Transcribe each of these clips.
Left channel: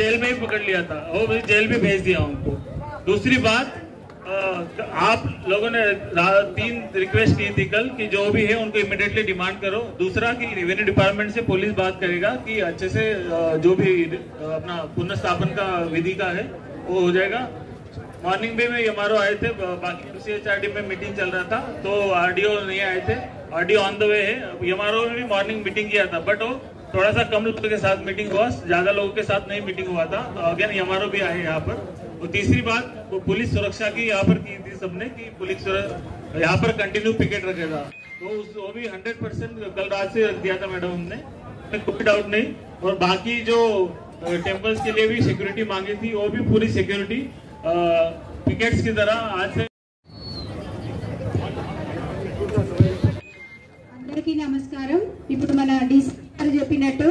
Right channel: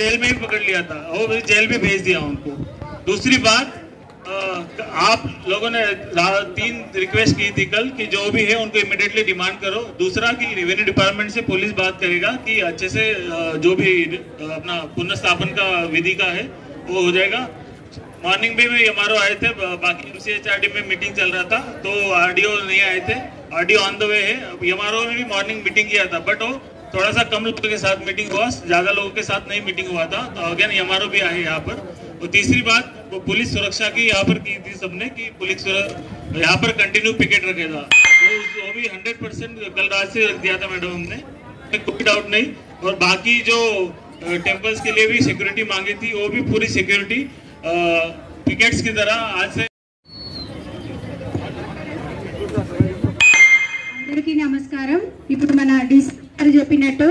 Jail में ही पकड़ लिया था और भी जेल भी भेज दिया उनको। दूसरी बात, आप लोगों ने 3 रिक्वेस्ट की थी कल कि जो भी है उनको इमीडिएटली डिमांड करो। दूसरा कि रेवेन्यू डिपार्टमेंट से पुलिस बात करेगा कि अच्छे से जो भी अपना पुनर्स्थापन का विधि का है वो हो जाएगा। मॉर्निंग में एमआरओ आए थे, बाकी MCHRD में मीटिंग चल रहा था तो RDO नहीं आए थे। RDO ऑन द वे है। एमआरओ ने भी मॉर्निंग मीटिंग किया था बट वो थोड़ा सा कम लोगों के साथ मीटिंग हुआ, ज्यादा लोगों के साथ नहीं मीटिंग हुआ था। तो अगेन एमआरओ भी आए यहाँ पर। और तीसरी बात, वो पुलिस सुरक्षा की यहाँ पर की थी सबने कि पुलिस यहाँ पर कंटिन्यू पिकेट रखेगा, तो वो भी 100% कल रात से रख दिया था मैडम हमने, कोई डाउट नहीं। और बाकी जो टेम्पल्स के लिए भी सिक्योरिटी मांगी थी वो भी पूरी सिक्योरिटी पिकेट्स की तरह आज से। అందరికీ నమస్కారం। ఇప్పుడు మన డిస్కర్ చెప్పినట్టు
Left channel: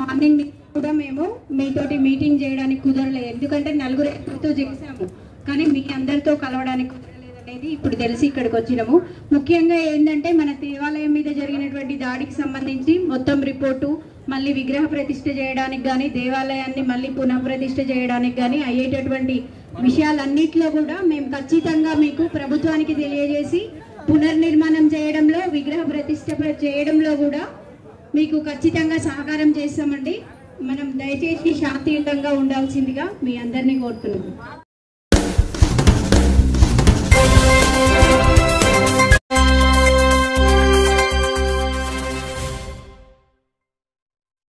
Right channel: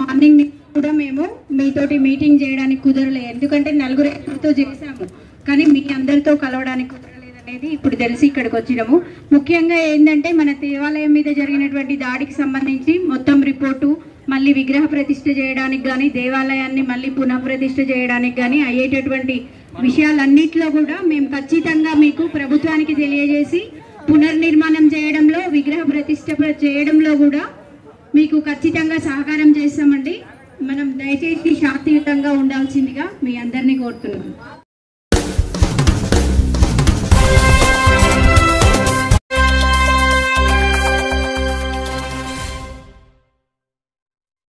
మార్నింగ్ కూడా మేము మీతోటి మీటింగ్ చేయడానికి కుదరలేదు, ఎందుకంటే నలుగురితో చేసాము కానీ మీ అందరితో కలవడానికి కుదరలేదు అనేది ఇప్పుడు తెలిసి ఇక్కడికి వచ్చినాము। ముఖ్యంగా ఏంటంటే మన దేవాలయం మీద జరిగినటువంటి దాడికి సంబంధించి మొత్తం రిపోర్టు, మళ్ళీ విగ్రహ ప్రతిష్ఠ చేయడానికి కానీ దేవాలయాన్ని మళ్ళీ పునఃప్రతిష్ఠ చేయడానికి కానీ అయ్యేటటువంటి విషయాలన్నింటిలో కూడా మేము ఖచ్చితంగా మీకు ప్రభుత్వానికి తెలియజేసి పునర్నిర్మాణం చేయడంలో, విగ్రహ ప్రతిష్ఠ చేయడంలో కూడా మీకు ఖచ్చితంగా సహకారం చేస్తామండి। మనం దయచేసి శాంతియుతంగా ఉండాల్సిందిగా మీ అందరినీ కోరుతున్నాము।